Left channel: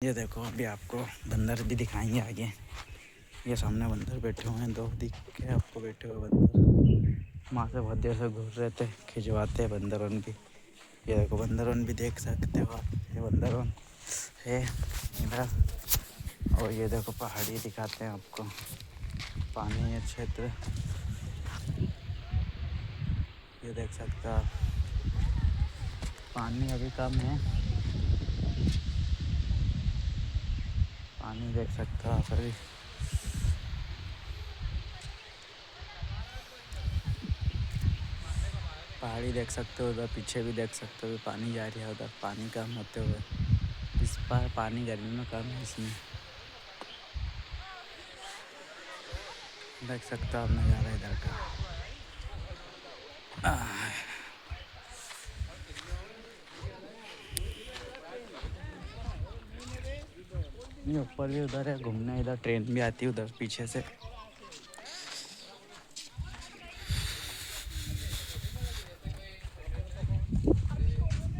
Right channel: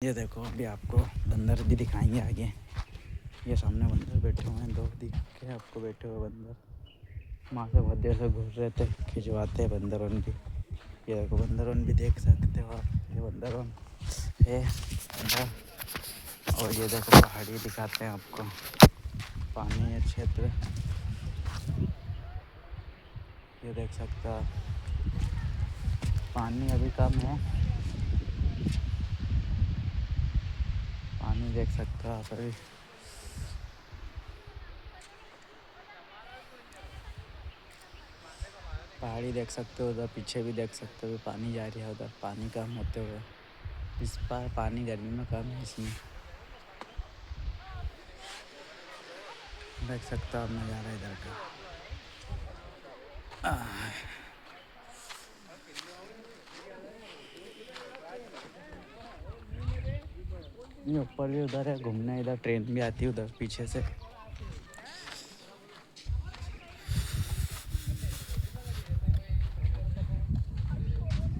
ये देखो अभी आपको बंदर भी दिखाएंगे आगे। ये सामने बंदर बैठे हुए हैं, दो दिख के आपको बैठे हुए बंदर। वहाँ से बहुत देर से घूर रहे थे, खिंचवाते हैं बंदरों की। ये देखो बंदरों भी देख सकते हो आप, ये बंदरों है इधर। और ये देखो पहाड़ी दिखाते हैं आपको, पानी है क्षेत्र, ये देख सकते हो आप। पानी अभी कम है, पानी देख सकते हो आप अभी। पहाड़ी देख सकते हो, उधर पीछे भी देख सकते हो, पानी जा रही है उधर, पानी कम होते हुए। इस बार पानी गर्मी में कम है इसमें, देख सकते हो आप नज़ारा इधर का। ये ऊपर भी उधर है घूमने, इधर ट्रेन भी आती है उधर पीछे से।